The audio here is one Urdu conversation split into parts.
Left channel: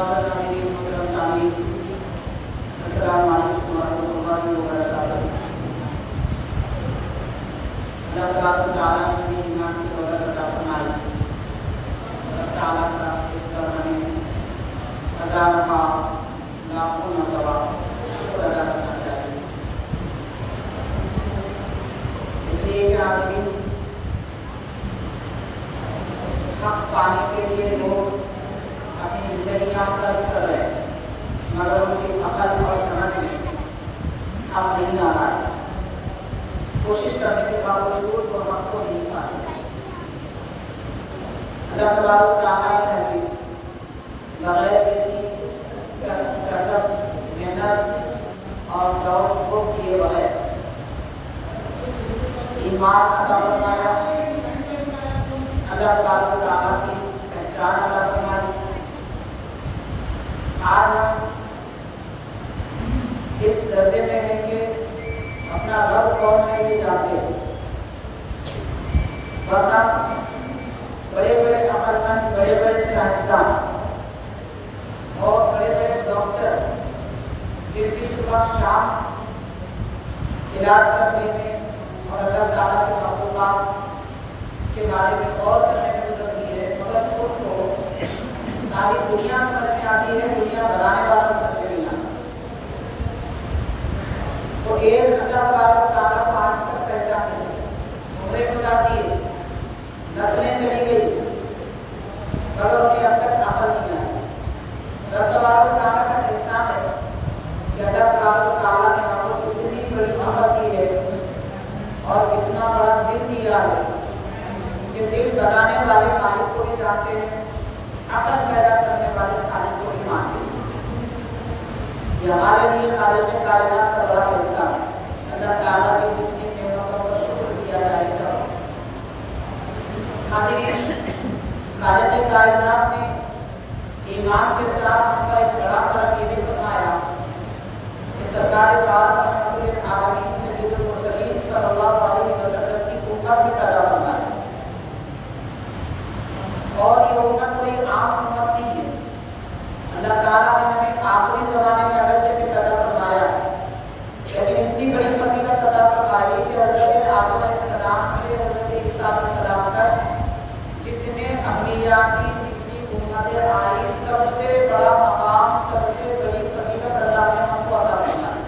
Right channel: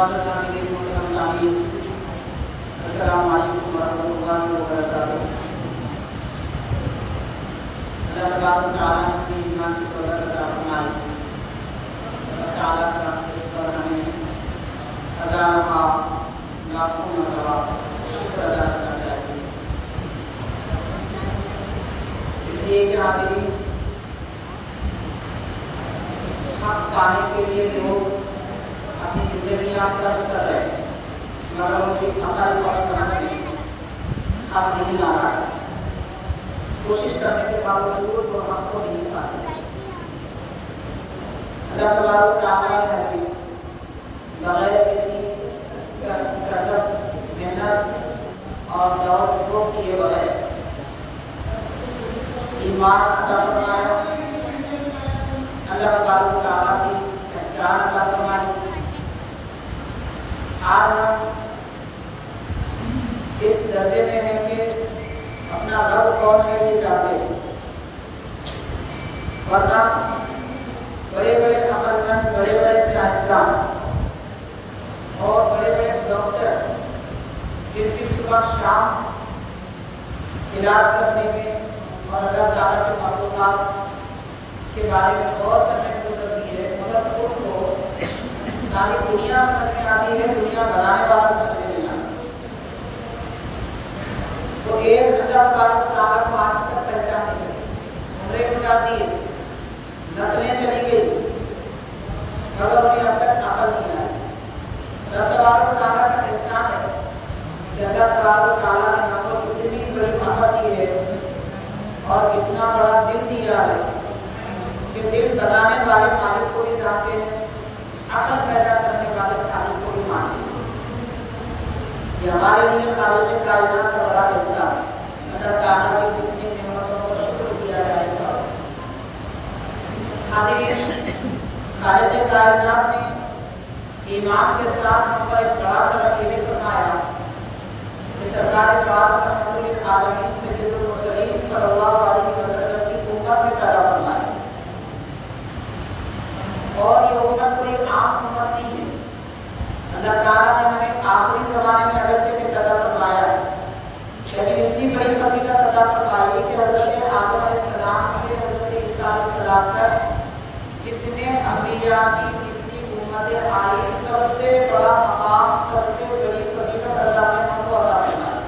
معزز ناظرین محترم سامعین، السلام علیکم ورحمۃ اللہ وبرکاتہ۔ اللہ تبارک و تعالیٰ نے ہمیں ایمان کی دولت عطا فرمائی۔ اللہ تعالیٰ کا اس پر ہمیں ہزاروں لاکھوں مرتبہ شکر ادا کرنا چاہیے، اس لیے کہ حاضرین، حق پانے کے لیے لوگ اپنی زندگیاں صرف کر رہے ہیں، مگر ان کی عقل اور سمجھ میں حق نہیں آ رہا ہے۔ کوشش کرنے کے باوجود وہ حق کو نہیں پا سکتے۔ اللہ تبارک و تعالیٰ نے ہمیں بغیر کسی کسب، محنت اور دوڑ کو کیے بغیر ایمان عطا فرمایا، اللہ تبارک و تعالیٰ کی پہچان عطا فرمائی۔ آج ہم اس درجے میں ہیں کہ اپنا رب کون ہے یہ جانتے ہیں، ورنہ بڑے بڑے عقل مند، بڑے بڑے سائنسدان اور بڑے بڑے ڈاکٹر جن کی صبح شام علاج کرنے میں اور اللہ تعالیٰ کے مخلوقات کے بارے میں غور کرنے میں گزرتی ہے، مگر ان کو ساری دنیا سمجھ میں آتی ہے، دنیا بنانے والا سمجھ میں نہیں آتا۔ وہ ایک اللہ تبارک و تعالیٰ کو آج تک پہچان نہیں سکے، عمریں گزار دیے، نسلیں چلی گئی، مگر انہیں اب تک عقل نہیں آئی۔ رب تبارک و تعالیٰ کا احسان ہے کہ اللہ تبارک و تعالیٰ نے ہم کو اتنی بڑی عقل دی ہے اور اتنا بڑا دل دیا ہے کہ دل بنانے والے مالک کو بھی جانتے ہیں، عقل پیدا کرنے والے خالق کو بھی مانتے ہیں۔ یہ ہمارے لیے خالق کائنات کا بڑا احسان ہے۔ اللہ تعالیٰ کی جتنی نعمتوں پر شکر کیا جائے گا۔ حاضرین، خالق کائنات نے ایمان کے ساتھ ہم پر ایک بڑا کرم یہ بھی فرمایا کہ سرکار دو عالم رحمۃ للعالمین سید المرسلین صلی اللہ علیہ وسلم کی امت میں پیدا فرمایا، اور یہ امت کوئی عام امت نہیں ہے۔ اللہ تعالیٰ نے ہمیں آخری زمانے میں اگرچہ کہ پیدا فرمایا، لیکن اتنی بڑی فضیلت عطا فرمائی کہ حضرت آدم علیہ السلام سے حضرت عیسیٰ علیہ السلام تک جتنے انبیاء کی جتنی امتیں آئی، سب سے بڑا مقام، سب سے بڑی فضیلت اللہ نے ہم کو عطا فرمائی۔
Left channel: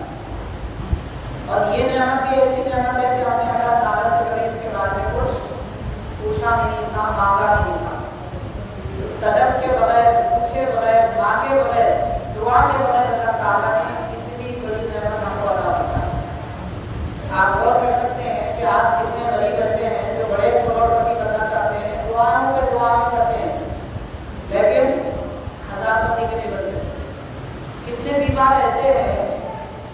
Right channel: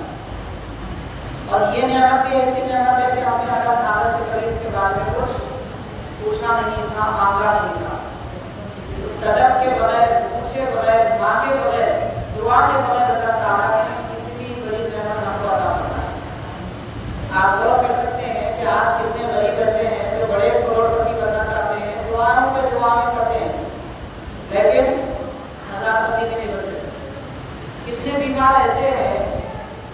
اور یہ نعمت بھی ایسی نعمت ہے کہ ہم نے اللہ تعالیٰ سے کبھی اس کے بارے میں کچھ پوچھا نہیں تھا، مانگا نہیں تھا۔ طلب کے بغیر، پوچھے بغیر، مانگے بغیر، دعا کے بغیر اللہ تعالیٰ نے اتنی بڑی نعمت ہم کو عطا فرمائی۔ آپ غور کر سکتے ہیں کہ آج کتنے غریب ایسے ہیں جو بڑے کروڑپتی بننا چاہتے ہیں، دعاؤں پہ دعائیں کرتے ہیں، لیکن ہزار پتی بھی نہیں بن سکتے۔ کتنے بیمار ایسے ہیں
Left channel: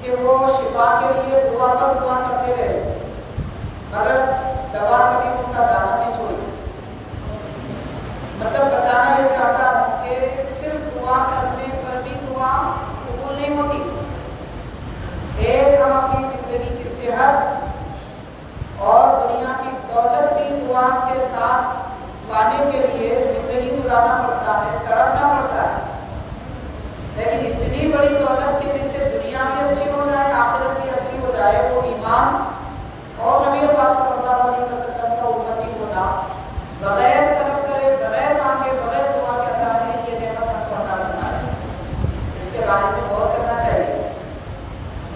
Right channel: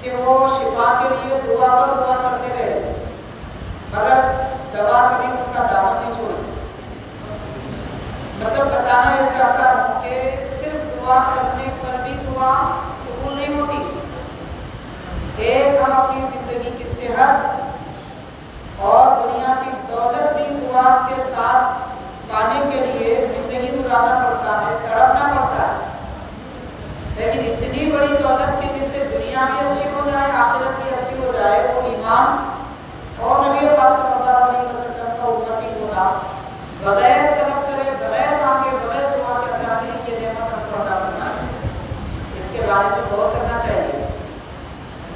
کہ وہ شفا کے لیے دعا پر دعا کرتے رہے، مگر دوا کبھی ان کا دامن نہیں چھوڑی۔ مطلب بتانا یہ چاہتا ہوں کہ صرف دعا کرنے پر بھی دعا قبول نہیں ہوتی۔ ایک ہم اپنی زندگی کی صحت اور دنیا کی دولت بھی دعا کے ساتھ پانے کے لیے زندگی گزارنا پڑتا ہے، تڑپنا پڑتا ہے، لیکن اتنی بڑی دولت کہ جس سے دنیا بھی اچھی ہو جائے، آخرت بھی اچھی ہو جائے، وہ ایمان اور نبی پاک صلی اللہ علیہ وسلم کا امتی ہونا، بغیر طلب کرے، بغیر مانگے، بغیر دعا کے اللہ نے یہ نعمت ہم کو عطا فرمائی۔ اس کے بارے میں غور کرنا چاہیے۔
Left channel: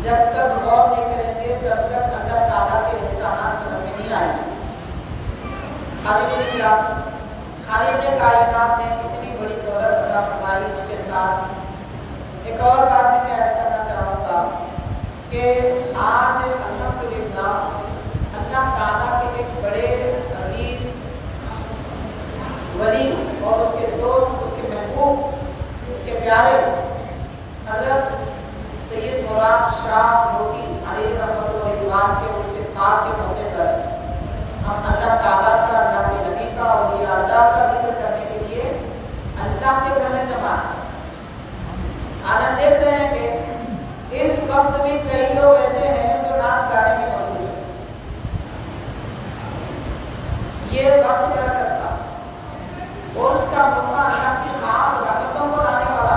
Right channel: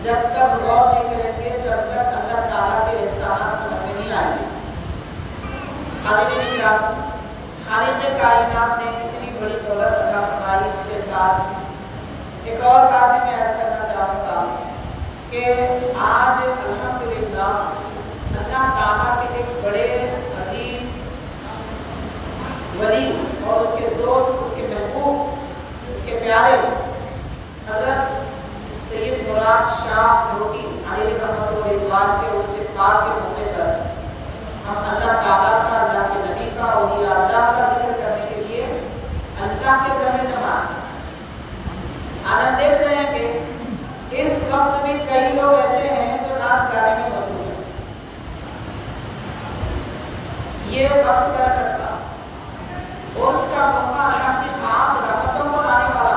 جب تک غور نہیں کریں گے تب تک اللہ تعالیٰ کے احسانات سمجھ میں نہیں آئیں گے۔ حاضرین کرام، خالق کائنات نے اتنی بڑی دولت عطا فرمائی، اس کے ساتھ ایک اور بات بھی میں عرض کرنا چاہوں گا کہ آج الحمدللہ اللہ تعالیٰ کے ایک بڑے عظیم ولی اور اس کے دوست، اس کے محبوب، اس کے پیارے حضرت سید مراد شاہ لودھی علیہ رحمۃ و رضوان کے اس پاک کے موقع پر ہم اللہ تعالیٰ کا، اللہ کے نبی کا، اولیاء اللہ کا ذکر کرنے کے لیے اللہ کے گھر میں جمع ہیں۔ آج ہم دیکھ رہے ہیں کہ اس وقت بھی کئی لوگ ایسے ہیں جو ناچ گانے میں مصروف ہیں۔ یہ وقت برکت کا اور اس کا موقع اللہ کی خاص رحمتوں کو لانے والا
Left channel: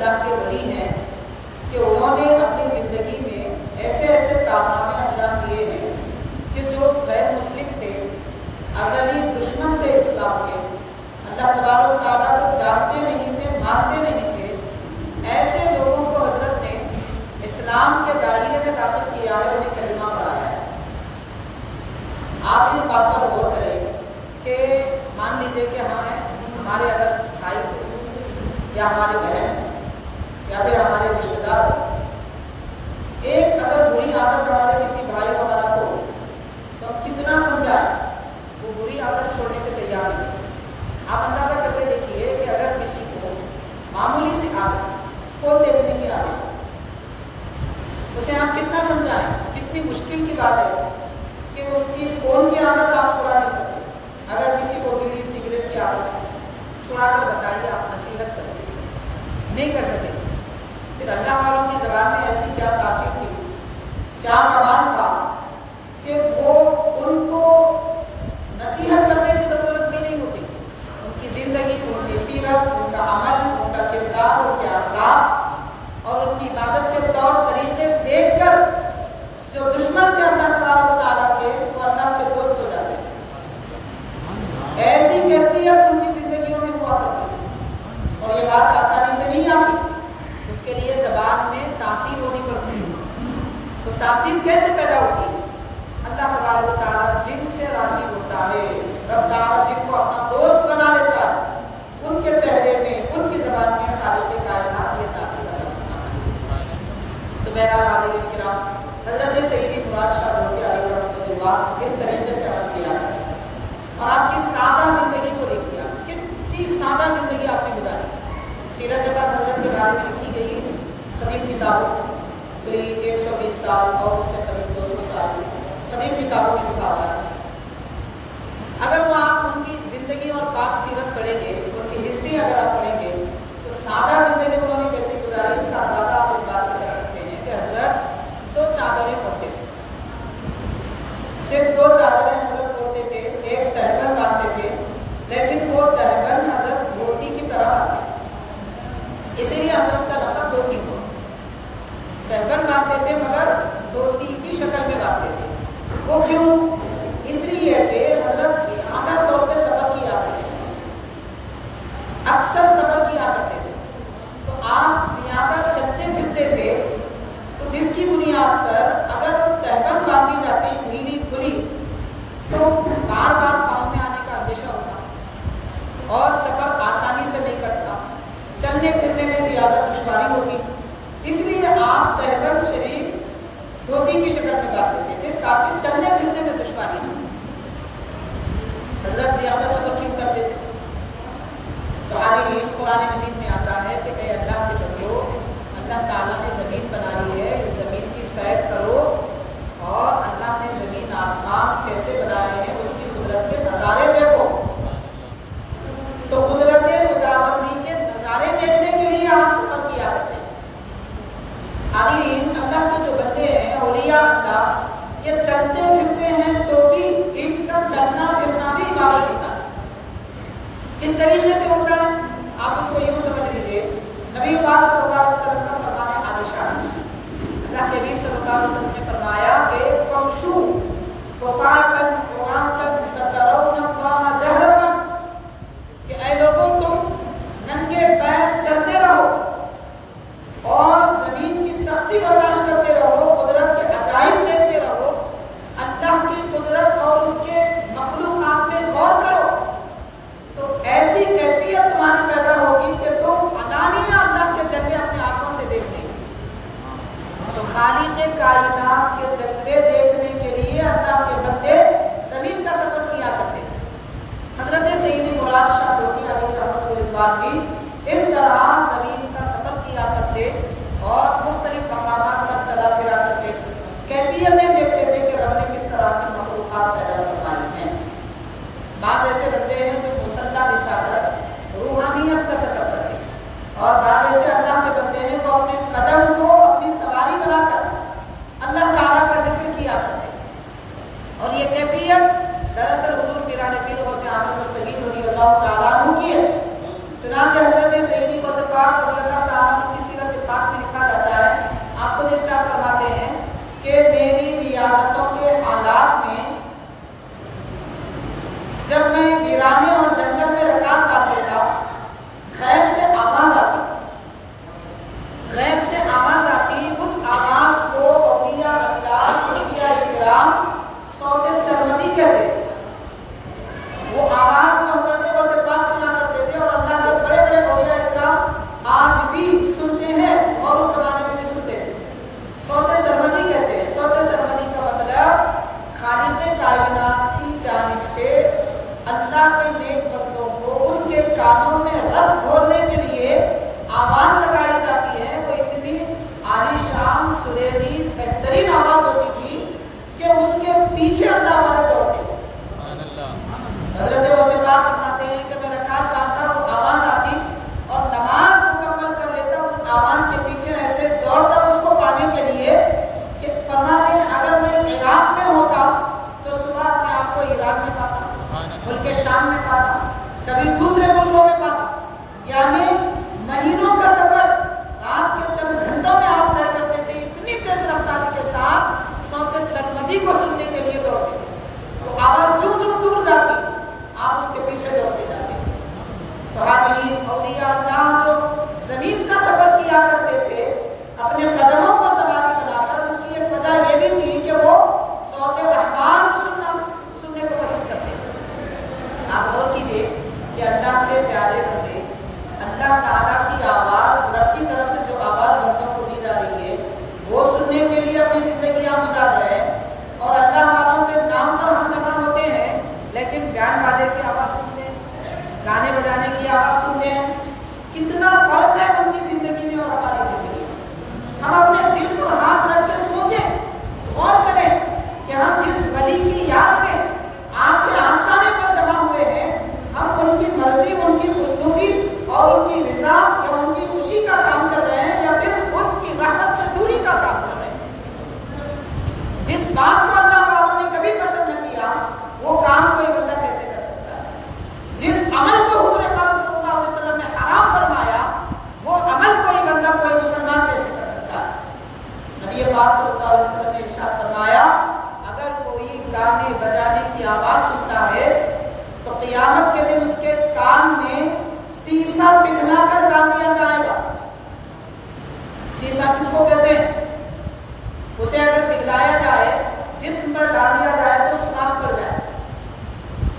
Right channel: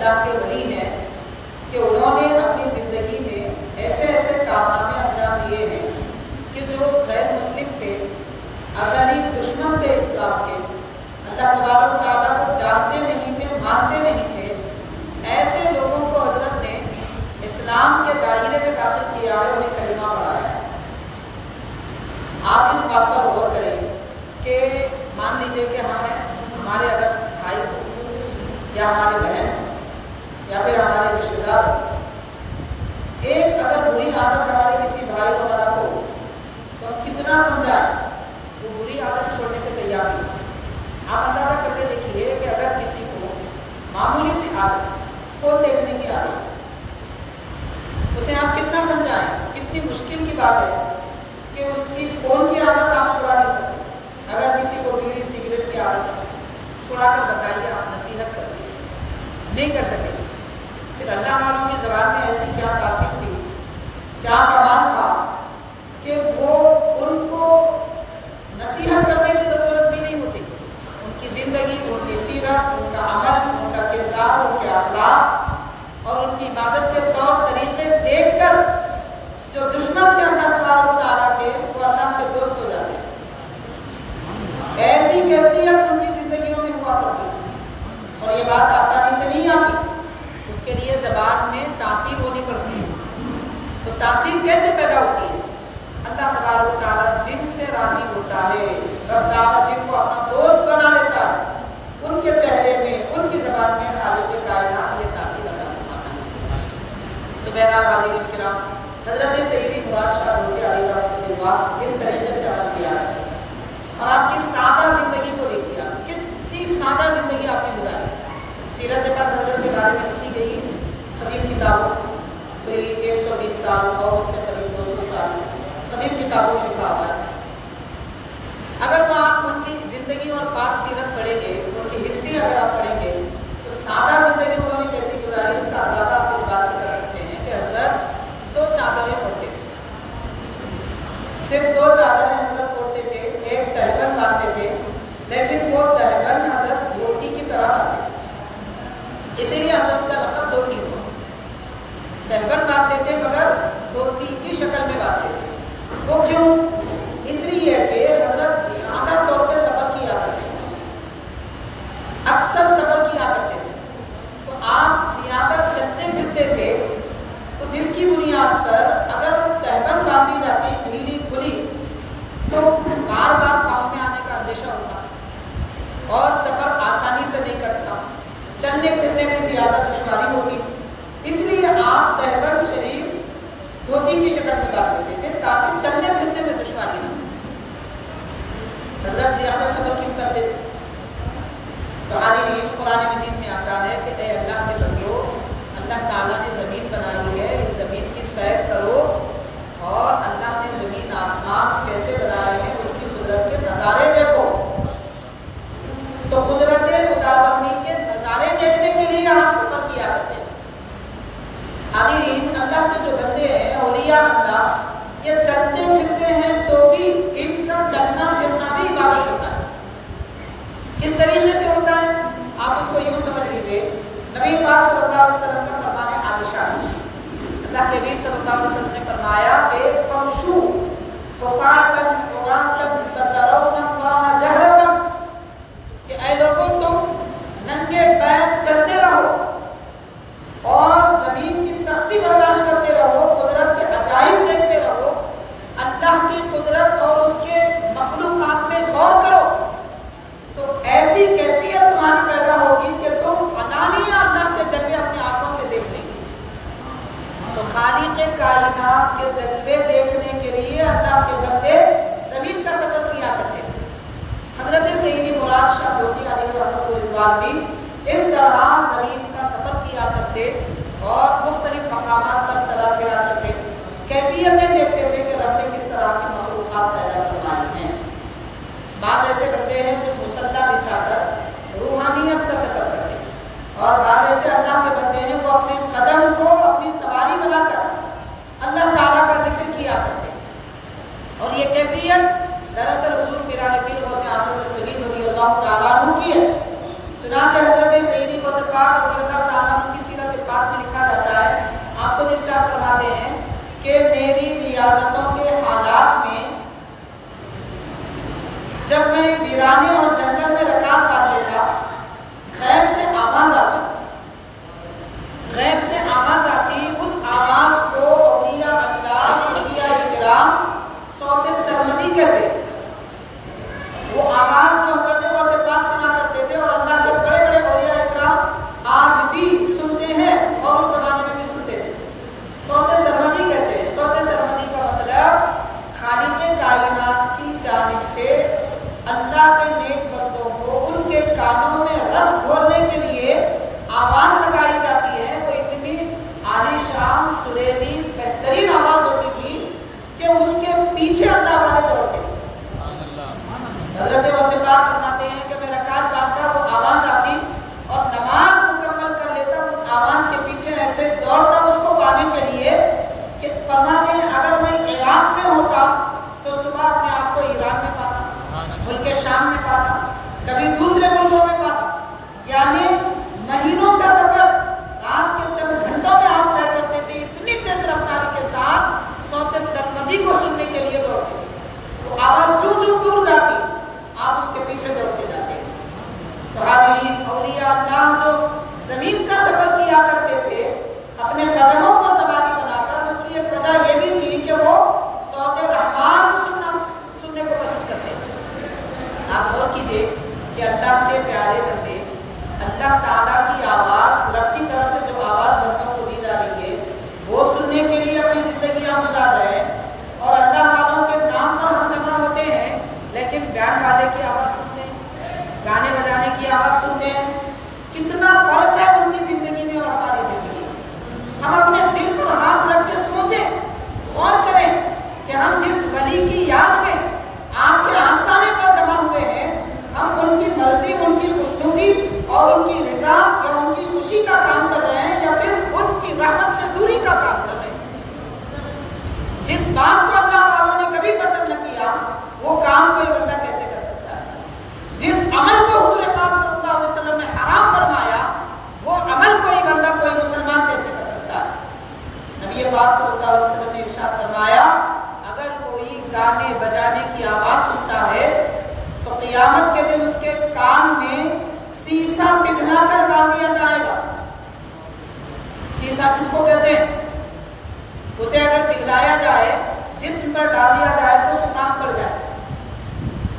اللہ کے ولی ہیں کہ انہوں نے اپنی زندگی میں ایسے ایسے کارنامے انجام دیے ہیں کہ جو غیر مسلم تھے، ازلی دشمن تھے اسلام کے، اللہ تبارک و تعالیٰ کو جانتے نہیں تھے، مانتے نہیں تھے، ایسے لوگوں کو حضرت نے اسلام کے دائرے میں داخل کیا ہے، انہیں کلمہ پڑھایا ہے۔ آپ اس بات پر غور کریں کہ مان لیجئے کہ ہمارے اگر بھائی یا ہمارے بہن یا پھر ہمارے رشتے دار ایک اگر بری عادت ہمارے کسی بھائی وغیرہ کو، تو ہم کتنا سمجھائیں وہ بری عادت چھوڑنے کے تیار نہیں۔ آپ اندازہ کر کے دیکھیے کہ اگر کسی کو معمولی سی عادت فون دیکھنے کی عادت، اسے آپ کتنا سمجھائیں، کتنی مشکل کی بات ہے کہ اس کی فون کی عادت آپ چھڑا نہیں سکتے۔ اگر کسی کو بیڑی سگریٹ کی عادت ہے، چھڑا کر بتائیے، آپ نصیحت کر دیجیے، نہیں کر سکیں گے۔ پھر اللہ والوں کی زبان میں ایسی کیا تاثیر تھی، کیا کمال تھا کہ وہ ان کو نصیحت کرنے کی ضرورت بھی نہیں ہوتی، ان کی زندگی، ان کی سیرت، ان کا عمل، ان کا کردار، ان کے اخلاق اور ان کی عبادت کے طور طریقے دیکھ کر جو دشمن تھے اللہ تبارک و تعالیٰ کے، وہ اللہ کے دوست ہو جاتے ہیں۔ ایسی کیفیت ان کی زندگیوں میں ہوا کرتی تھی، اور یہ بات آسانی سے نہیں آتی، اس کے لیے زبان میں تاثیر ہونی پڑتی ہے۔ تو تاثیر کیسے پیدا ہوتی ہے؟ اللہ تبارک و تعالیٰ جن سے راضی ہوتا ہے، رب تعالیٰ جن کو اپنا دوست بنا لیتا ہے، ان کے چہرے میں، ان کی زبان میں خالق کائنات یہ تاثیر عطا فرماتا ہے۔ تو بہرحال حاضرین کرام، حضرت سیدی مراد شاہ روحی علیہ رحمۃ اللہ اس طریقے سے عمل کیا ہے، اور آپ کی سادہ زندگی کو دیکھیے، کتنی سادہ زندگی آپ نے گزاری۔ سیرت پاک حضرت کے بارے میں لکھی گئی قدیم کتابوں، کوئی 120 سال اور اس سے قریب 200 سال قدیم کتابوں میں لکھا ہوا ہے۔ اگر وہ آپ ان کی زندگی اور پاک سیرت پڑھیں گے، ان کی ہسٹری اگر آپ پڑھیں گے، تو سادہ زندگی انہوں نے کیسے گزاری اس کا اندازہ آپ اس بات سے کر سکتے ہیں کہ حضرت 2 چادریں اوڑھتے تھے، صرف 2 چادریں حضرت اوڑھتے تھے، ایک تہبند باندھتے تھے، لیکن وہ تہبند حضرت دھوتی کی طرح باندھتے تھے، اسی لیے حضرت کا لقب دھوتی ہوا۔ تہبند باندھتے تھے مگر دھوتی کی شکل میں باندھتے تھے۔ وہ کیوں؟ اس لیے کہ حضرت زیادہ طور پہ سفر کیا کرتے تھے، اکثر سفر کیا کرتے تھے، تو آپ زیادہ چلتے پھرتے تھے، تو جس کی بنیاد پر اگر تہبند باندھی جاتی ڈھیلی کھلی تو بار بار پاؤں میں آنے کا اندیشہ ہوتا اور سفر آسانی سے نہیں کٹتا، چلنے پھرنے میں زیادہ دشواری ہوتی، اس لیے آپ تہبند شریف دھوتی کی شکل میں باندھ دیتے تھے تاکہ چلنے پھرنے میں دشواری نہ ہو۔ حضرت زیادہ سفر کیوں کرتے تھے؟ تو حاضرین، قرآن مجید میں آتا ہے کہ اے اللہ کے بندو، اللہ تعالیٰ نے زمین بنائی ہے، اس زمین کی سیر کرو، اور اللہ نے زمین آسمان کیسے بنائے ہیں اس کی قدرت کے نظارے دیکھو۔ تو قدرت خداوندی کے نظارے دیکھنے کے لیے آپ سفر کیا کرتے ہیں۔ حاضرین، اللہ کے جو بندے ہیں، اولیاء اللہ، یہ چلتے پھرتے ہیں تو بھی ان کا چلنا پھرنا بھی عبادت ہوتا ہے۔ کس طریقے سے ہوتا ہے؟ آپ اس کو یوں سمجھ لیجئے، نبی پاک صلی اللہ علیہ وسلم کا فرمان عالیشان، اللہ کے حبیب صلی اللہ علیہ وسلم نے فرمایا کہ فمشو خفاتا عراتا سترون اللہ جہرتا، کہ اے لوگوں تم ننگے پیر چلتے رہو اور زمین کی سختی برداشت کرتے رہو، قدرت کے عجائب دیکھتے رہو، اللہ کی قدرت اور اس کے مخلوقات میں غور کرو، تو ایسی کیفیت تمہاری پیدا ہوگی کہ تم علانیہ اللہ کے جلوے اپنے آنکھوں سے دیکھ لیں گے۔ تو خالق کائنات کے جلوے دیکھنے کے لیے اللہ کے بندے زمین کا سفر کیا کرتے تھے۔ حضرت سیدی مراد شاہ دھوتی علیہ رحمۃ اللہ بھی اس طرح زمین کا سفر کیا کرتے اور مختلف مقامات پر چلا پھرا کرتے، کیفیتیں دیکھتے تھے کہ رب نے کس طرح کی مخلوقات پیدا فرمائی ہیں۔ بعض ایسے بندے ہیں جو مسلح بچھا کر روحانیت کا سفر کرتے ہیں، اور بعض ایسے اللہ کے بندے ہیں وہ اپنے قدم کو اپنی سواری بنا کر اللہ تعالیٰ کا ذکر کیا کرتے ہیں، اور یہ کیفیت دراصل حضور پیران پیر غوث اعظم دستگیر رضی اللہ تعالیٰ عنہ کی ہے۔ چنانچہ حضرت سیدی غوث پاک رضی اللہ تعالیٰ عنہ کی کانوں میں رس گھولنے کے لیے آواز لگائی جاتی ہے وہ اتنی عالی شان سریلی بہترین آواز ہوتی تھی کہ اس کے پیچھے اللہ والے دوڑتے تھے. حضرت غوث پاک فرماتے ہیں کہ میں رکعت باندھتا وہ آواز آتی اور نماز مکمل کر لیتا اس آواز کے پیچھے ایسے دوڑتا اس کو پانے کے لیے کہ فرماتے ہیں اگر میں عراق میں ہوتا تو صبح اپنے آپ کو ایران میں پاتا, ملک شام میں پاتا, کبھی دوسرے ملکوں میں پاتا. یعنی مہینوں کا سفر رات کے چند گھنٹوں میں آپ طے کرتے تھے. اتنی تیز رفتاری کے ساتھ صوت سرمدی کو سننے کے لیے دوڑتے تھے. وہ آواز چوں چوں دور جاتی آپ اس کے پیچھے دوڑتے جاتے. تو حاضرین اولیاء اللہ جو زمین کا سفر کیا کرتے تھے اپنے قدموں کو سواری بنا کر, اس کی ایک وجہ یہ بھی تھی کہ وہ صوت رحمان سننے کو پسند کرتے تھے. آپ غور کیجئے کہ اللہ کے پیارے بندے اللہ تعالیٰ کی آواز رب کی طرف سے جو آواز بندوں کو دی جا رہی ہے وہ سننے کے لیے اپنی زندگیاں گزار رہے ہیں, اور اللہ والوں کے نام پر ہم جمع ہوتے ہیں لیکن بیان باجے کی آواز سنتے ہیں, گانے بجانے کی آواز سنتے ہیں. کتنا فرق ہے ان کی زندگی میں اور ہماری زندگی میں. ہم اپنے دل پر ہاتھ رکھ کے سوچیں, غور کریں کہ ہم جس ولی کی یاد میں آپ کے آستانے پر جمع ہوئے ہیں ہم ان کی مرضی, ان کی خوشنودی اور ان کی رضا یا ان کی خوشی کا کام کر رہے ہیں یا پھر ان کی رحمت سے دوری کا کام کر رہے ہیں. جس بات کو اللہ والوں نے کبھی پسند نہ کیا وہ کام کوئی بندہ کیسے کر سکتا ہے؟ جس عمل کو حضور پاک صلی اللہ علیہ وسلم نے حرام فرمایا وہ عمل کوئی بندہ, کوئی مسلمان کیسے کر سکتا ہے؟ نبی پاک صلی اللہ علیہ وسلم نے ارشاد فرمایا اگر کوئی گانے بجانے کی آواز سنتا ہے تو قیامت کے دن اس کے کان میں سیسا پگھلا کر ڈال دیا جائے گا. سیسا کس کو کہتے ہیں؟ اسے اگر پگھلایا جائے, جسم پر ڈال دیا جائے تو سوراخ پڑ جائے,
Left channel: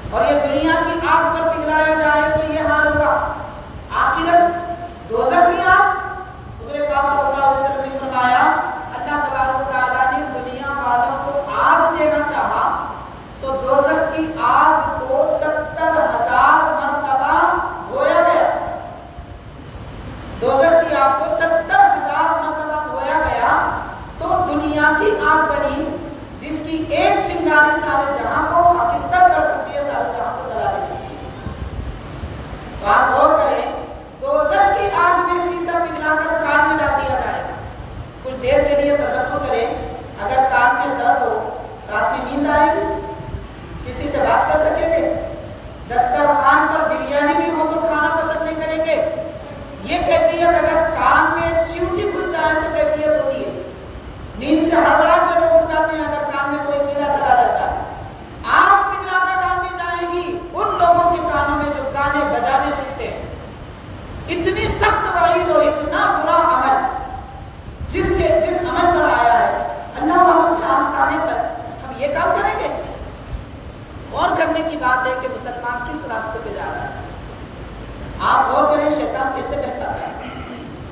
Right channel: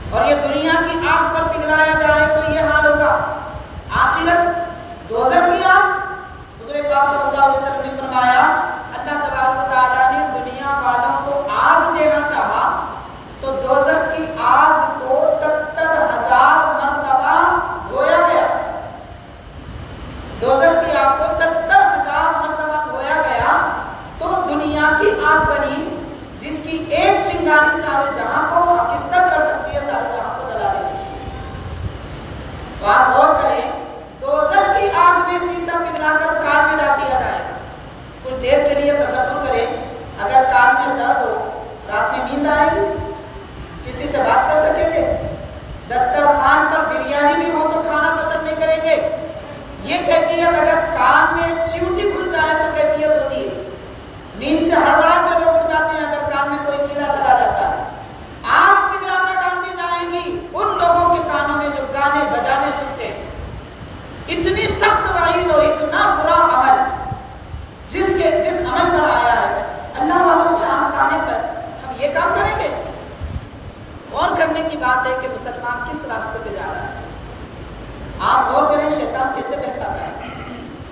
اور یہ دنیا کی آگ پر پگھلایا جائے تو یہ حال ہوگا. آخرت دوزخ کی آگ, حضور پاک صلی اللہ علیہ وسلم نے فرمایا اللہ تبارک و تعالیٰ نے دنیا والوں کو آگ دینا چاہا تو دوزخ کی آگ کو 70,000 مرتبہ دھویا گیا. دوزخ کی آگ کو 70,000 مرتبہ دھویا گیا تو دنیا کی آگ بنی جس کی ایک چنگاری سارے جہاں کو خاکستر کر سکتی ہے, سارے جہاں کو جلا دے سکتی ہے. تو آپ غور کریں, دوزخ کی آگ میں سیسا پگھلا کر کان میں ڈال دیا جائے گا. کچھ دیر کے لیے تصور کریں اگر کان میں درد ہو, رات میں نیند آئے گی؟ کسی سے بات کر سکیں گے؟ دسترخوان پر بریانی بھی ہو تو کھانا پسند نہیں کریں گے. یہ کیفیت اگر کان میں چیونٹی گھس جائے تو کیفیت ہوتی ہے. نیند سے ہڑبڑا کے لوگ اٹھ جاتے ہیں اگر کان میں کوئی کیڑا چلا جاتا ہے. آگ پگھلا کر ڈال دی جائے گی ان لوگوں کے کانوں میں جو گانے بجانے سنتے ہیں. اتنی سخت وعید اور اتنا برا عمل جس عمل پر آیا ہے اللہ والوں کے آستانے پر ہم یہ کام کریں گے؟ غور کرنے کی بات ہے کہ مسلمان کس راستے پہ جا رہا ہے. آپ غور کریں شیطان کیسے بہکاتا ہے.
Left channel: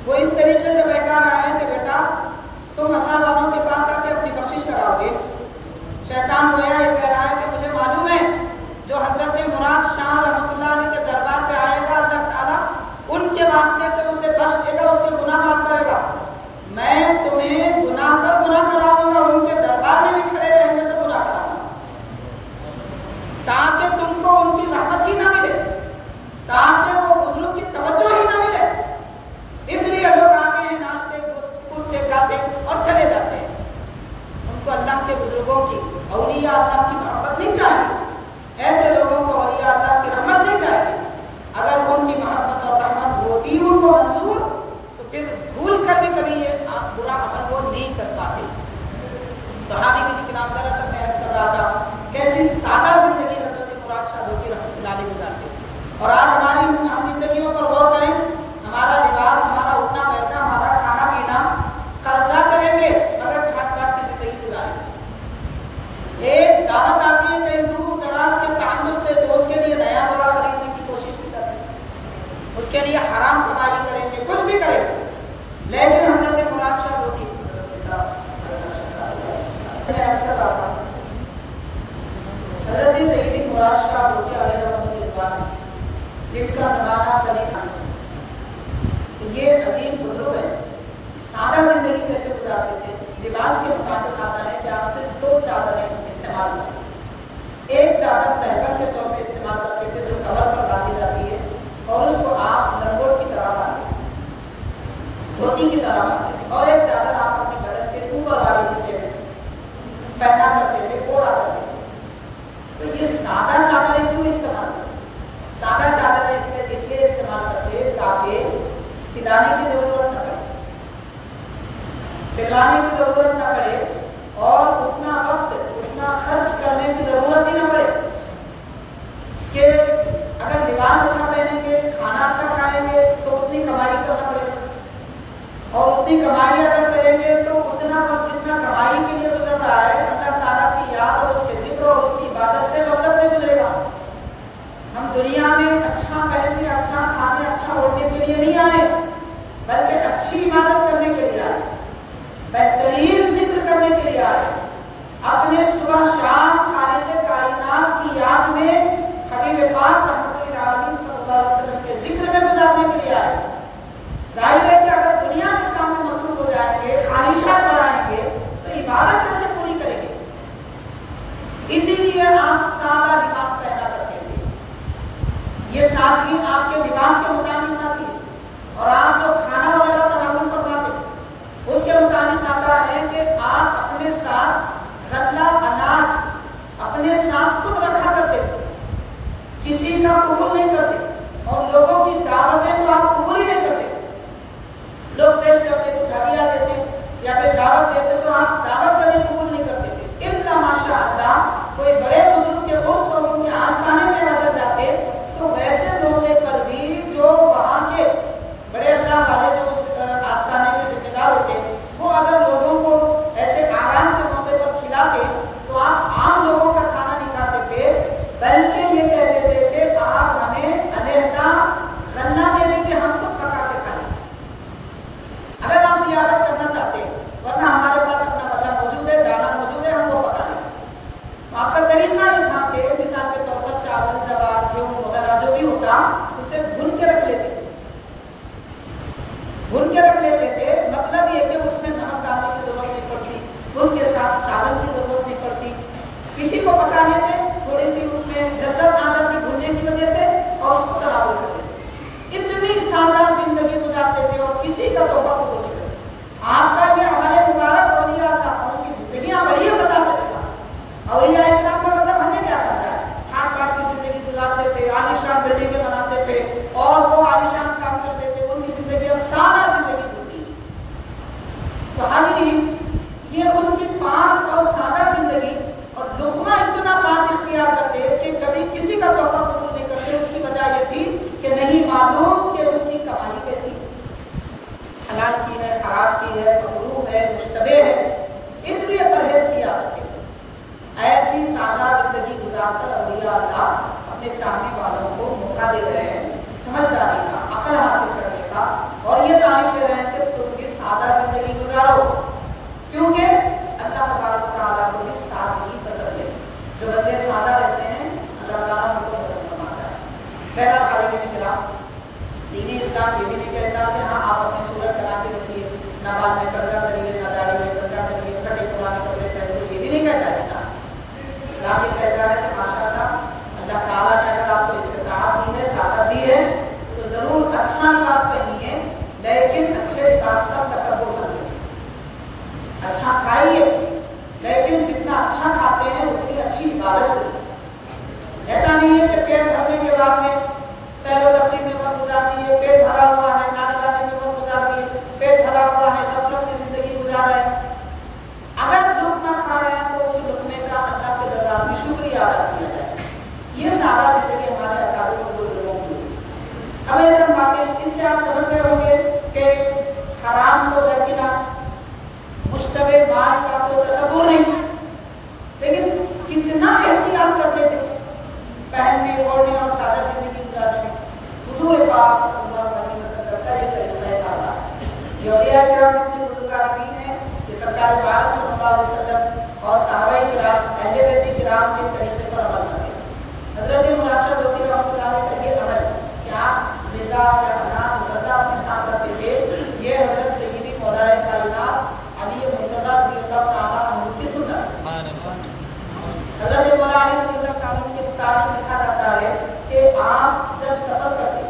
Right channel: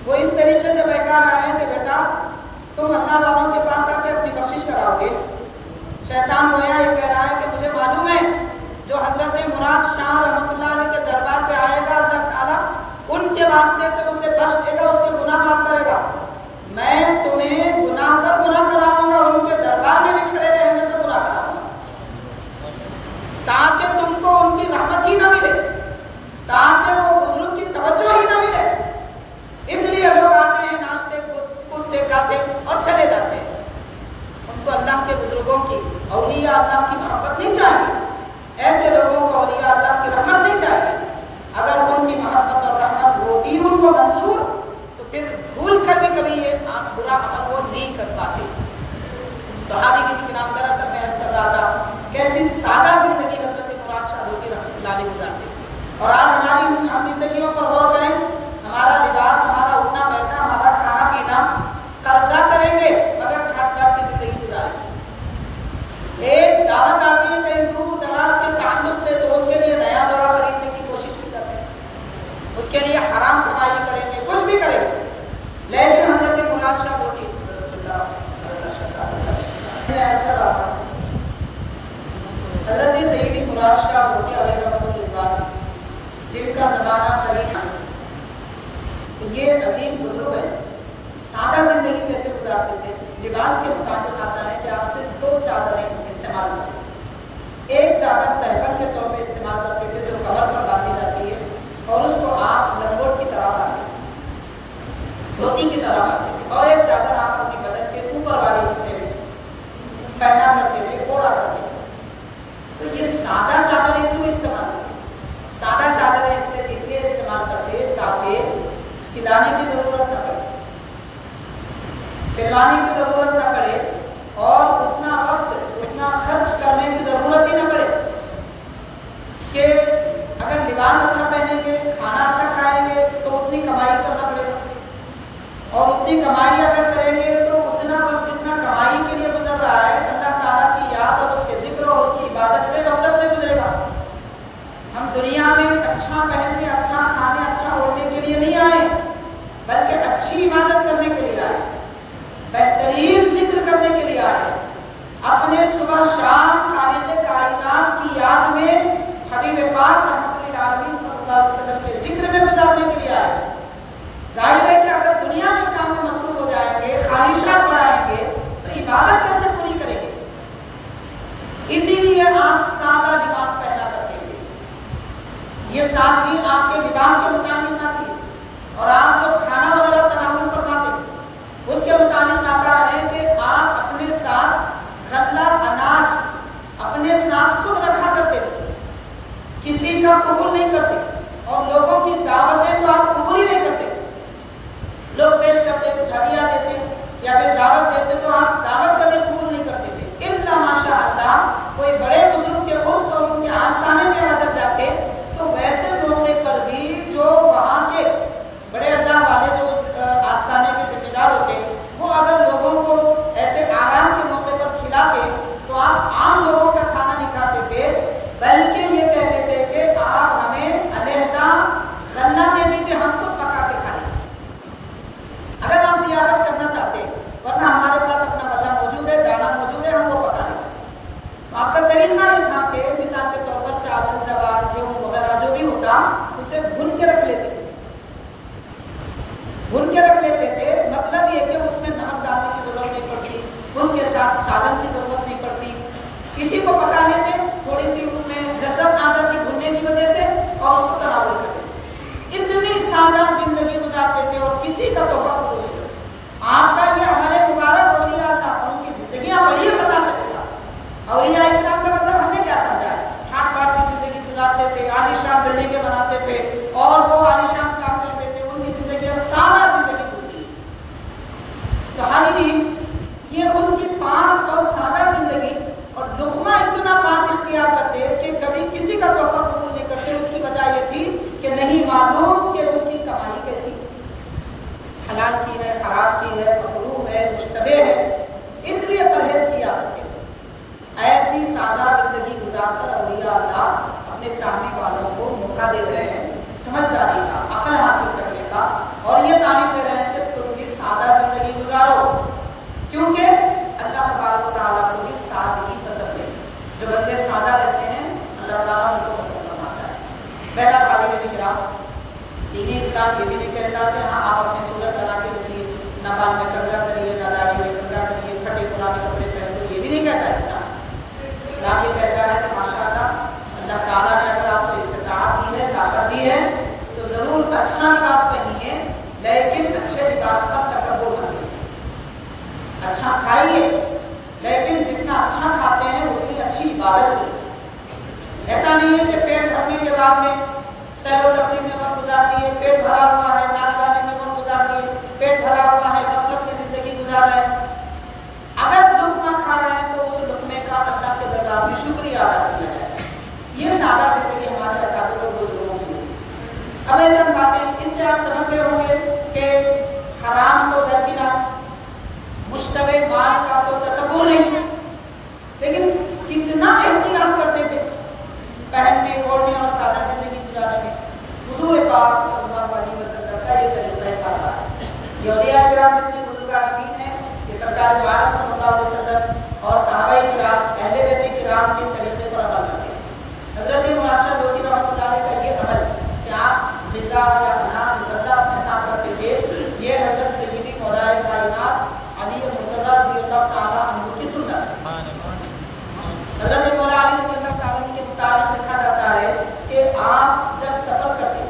وہ اس طریقے سے بہکا رہا ہے کہ بیٹا تم اللہ والوں کے پاس آ کے اپنی بخشش کراؤ گے. شیطان گویا یہ کہہ رہا ہے کہ مجھے معلوم ہے جو حضرت مراد شاہ رحمۃ اللہ علیہ کے دربار پہ آئے گا اللہ تعالیٰ ان کے واسطے سے اسے بخش دے گا, اس کے گناہ معاف کرے گا. میں تمہیں گناہ پر گناہ کراؤں گا, ان کے دربار میں بھی کھڑے رہیں گے تو گناہ کراؤں گا تاکہ تم کو ان کی رحمت ہی نہ ملے, تاکہ وہ بزرگ کی توجہ ہی نہ ملے. اس لیے لوگ آتے ہیں, ناشتے کودتے گاتے اور چلے جاتے ہیں. ان کو اللہ کے بزرگوں کی, اولیاء اللہ کی محبت نہیں چاہیے. ایسے لوگوں کو اولیاء اللہ کی رحمت نہیں چاہیے. اگر ان کی محبت اور رحمت ہوتی ان کو منظور تو پھر بھول کر بھی کبھی یہ برا عمل وہ نہیں کر پاتے. تو حاضرین کرام دراصل میں عرض کر رہا تھا کیسی سادہ زندگی حضرت مراد شاہ دھوتی رحمۃ اللہ علیہ گزارتے تھے. اور آج ہماری ہم زندگیوں پر غور کریں, ہمارا لباس, ہمارا اٹھنا بیٹھنا, ہمارا کھانا پینا قرضہ کریں گے مگر ٹھاٹ ٹاٹ کی زندگی گزاریں گے. ایک دعوت آتی ہے کہیں دور دراز کے تعلق سے تو اس کے لیے نیا جوڑا خریدنے کی کوشش کی جاتی ہے, اس کے لیے حرام کمائی کریں گے, کچھ بھی کریں گے. لیکن حضرت مراد شاہ دھوتی حضرت سیدی مراد شاہ دھوتی علیہ رحمۃ اللہ جن کا زمانہ قریب ہے. یہ عظیم بزرگ ہیں. سادہ زندگی کیسے گزارتے تھے؟ لباس کے مطابق آتا ہے کہ آپ صرف 2 چادریں استعمال کرتے ہیں. ایک چادر تہبند کے طور پہ استعمال کرتے تھے جو کمر پر باندھی جاتی ہے اور اس کو آپ لنگوٹ کی طرح باندھتے تھے، دھوتی کی طرح باندھتے تھے. اور ایک چادر آپ اپنے بدن کے اوپر والے حصے میں پہنا کرتے تھے، اوڑھا کرتے تھے. تو یہ سادہ چادریں کیوں استعمال کرتے؟ سادہ چادریں اس لیے استعمال کرتے تاکہ سلانے کی ضرورت نہ پڑے، سلوانے کی ضرورت نہ پڑے اور اتنا وقت اتنا خرچ کرنے کی ضرورت ہی نہ پڑے کہ اگر لباس اچھا پہنیں گے، کھانا اچھا کھائیں گے تو اتنی کمائی کرنا پڑے گا، اور اتنی کمائی اگر کریں گے تو اتنا وقت جتنا کمائی کے لیے گزر رہا ہے اللہ تعالیٰ کی یاد اور اس کے ذکر اور اس کی عبادت سے غفلت میں گزرے گا. ہم دنیا میں اچھا پہننے، اچھا کھانے، اچھا اوڑھنے کے لیے نہیں آئے بلکہ اچھی عبادت کرنے کے لیے آئے، بہترین ذکر کرنے کے لیے آئے، اپنے صبح شام خالق کائنات کی یاد میں حبیب پاک رحمت للعالمین صلی اللہ علیہ وسلم کے ذکر میں گزارنے کے لیے آئے. ظاہر ہے کہ اگر دنیا کے کام میں مصروف ہو جائیں گے، خواہشات بڑھائیں گے تو عبادت کیسے پوری کریں گے؟ اسی لیے آپ سادہ لباس پہنا کرتے تھے. یہ سادگی آپ کے لباس کے متعلق آتی ہے، اور آپ جو کھانا وغیرہ تناول فرماتے تھے اس کے متعلق آتا ہے کہ آپ اپنے ساتھ غلہ اناج اپنے ساتھ خود رکھا کرتے تھے، کسی کا قبول نہیں کرتے، اور لوگوں کی دعوتیں تو آپ قبول ہی نہیں کرتے. لوگ پیش کرتے کچھ ہدیہ دیتے یا پھر دعوت دیتے تو آپ دعوت کبھی قبول نہیں کرتے تھے. الا ماشاء اللہ کوئی بڑے بزرگ کے عرس اور ان کے آستانے میں اگر جاتے تو ویسے موقع پر بھی جو وہاں کے بڑے اللہ والے جو آستانے کے ذمہ دار ہوتے وہ اگر لوگوں کو ایسے آغاز کے موقع پر کھلاتے تو آپ عام لوگوں کا کھانا نہیں کھاتے تھے بلکہ یہ کہتے تھے کہ آپ ہمیں علیحدہ غلہ دے دیجیے، ہم خود پکا کے کھا لیں اگر آپ ضیافت کرنا چاہتے ہیں، ورنہ ہمارے پاس اپنا غلہ موجود ہے، دانا موجود ہے، ہم وہ پکا لیں. تو آپ کا طریقہ یہ تھا کہ مثال کے طور پر چاول، جوار، گیہوں وغیرہ جو بھی ہوتا اسے بھن کے رکھ لیتے تھے، بھن کے رکھ لیتے تھے. مطلب یہ کہ اس میں نمک ڈالنے کی ضرورت نہیں پڑتی، اس کے ساتھ سالن کی ضرورت نہیں پڑتی، کسی کو پکا لیتے تھوڑی سی اس میں لذت آ جاتی بھننے کی وجہ سے اور اس کو تناول کر دیتے. اتنی سادہ زندگی گزارتے تھے اور کسی کا تحفہ قبول نہیں کرتے. آپ کا یہ عمل مبارک اولیاء اللہ ان کی زندگیاں پڑھیے پتہ چلے گا. اولیاء اکرام کا مطلب ہم نے کیا سمجھا ہے؟ ٹھاٹ باٹ کی زندگی گزارتے تھے، عالیشان بلڈنگیں بناتے تھے اور وہ عالیشان کام کرتے تھے، ان کی زندگیاں سادہ زندگی گزری. تو حاضرین یہ ان کی پاک اور سادہ زندگی اور لقمہ اتنا پاک اختیار کرتے کہ کبھی کسی کا تحفہ قبول نہیں کرتے. اس کی وجہ یہ تھی کہ نہیں معلوم کہ اس کی کمائی کیسی، حلال کی ہے، حرام کی ہے، مکروہ ہے، مشتبہ ہے، اس لیے پرہیز کیا کرتے تھے. ایسی سادہ زندگی گزار کر اولیاء اللہ اپنے چاہنے والوں کو موقع دے رہے ہیں سمجھداری کا، عقل حاصل کرنے کا، اور یہ تعلیم دے رہے ہیں کہ تم بھی سادہ زندگی گزارو، کیونکہ اللہ تبارک و تعالیٰ کو بھی سادگی پسند ہے. جو بندے سادہ رہتے ہیں اللہ تعالیٰ ان کو پسند فرماتا ہے. بہرحال حاضرین کرام، دین اسلام یہ بھی نہیں کہتا کہ ہاں آپ اپنی صورت بنا کے رکھیے، نہ بال میں کنگا کریے، نہ داڑھی میں کنگا کریے، پھٹے پرانے کپڑے پہنو، یہ بھی نہیں کہتا اسلام. اسلام یہ کہتا ہے کہ ماشاءاللہ اللہ تعالیٰ نے اگر آپ کو استطاعت دی ہے، طاقت دی ہے تو ضرور اچھا لباس پہنیے، لیکن اچھے لباس پر تکبر مت کریے. اچھا کھائیے لیکن جتنا اچھا کھاتے ہیں اتنی اچھی عبادت کریے. ایسا نہیں ہے کہ پیٹ بھرنے کے بعد میں سیر و تفریح میں وقت گزار دیے، پیٹ بھرا ہوا ہے ناچ گانے میں وقت گزار دیے، پیٹ بھرا ہوا ہے غفلت میں زندگی گزار رہے ہیں. اگر لقمہ کھا رہے ہیں تو اس لقمے کا اللہ کے دربار میں شکریہ ادا کیا جائے. یہ سادہ زندگی ہمارے اکابر و بزرگوں کی ہے. اب یہ چند باتیں اس سے آپ سمجھ گئے ہوں گے کہ حرام تو درکنار، مشتبہ مال کا تو تصور نہیں، لیکن کتنا احتیاط کرتے تھے پہننے، اوڑھنے اور سادہ زندگی گزارنے میں. حضور پاک صلی اللہ علیہ وسلم کا یہ طریقہ کار ہے. یہ اولیاء کرام جتنے بزرگان دین ہیں یہ سرکار دو عالم صلی اللہ علیہ وسلم اور صحابہ کرام، اہل بیت کرام کے طریقے پر عمل کرتے ہیں. حضرت مراشد ہوتی رحمۃ اللہ علیہ کا یہ عمل غذا یا اناج غلہ اپنے ساتھ رکھتے تھے، یہ حضرت سیدی مولائے کائنات علی مرتضیٰ رضی اللہ تعالیٰ عنہ کی سنت ہے۔ حضرت مولا علی رضی اللہ تعالیٰ عنہ کے متعلق لکھا جاتا ہے کہ آپ جب سفر کرتے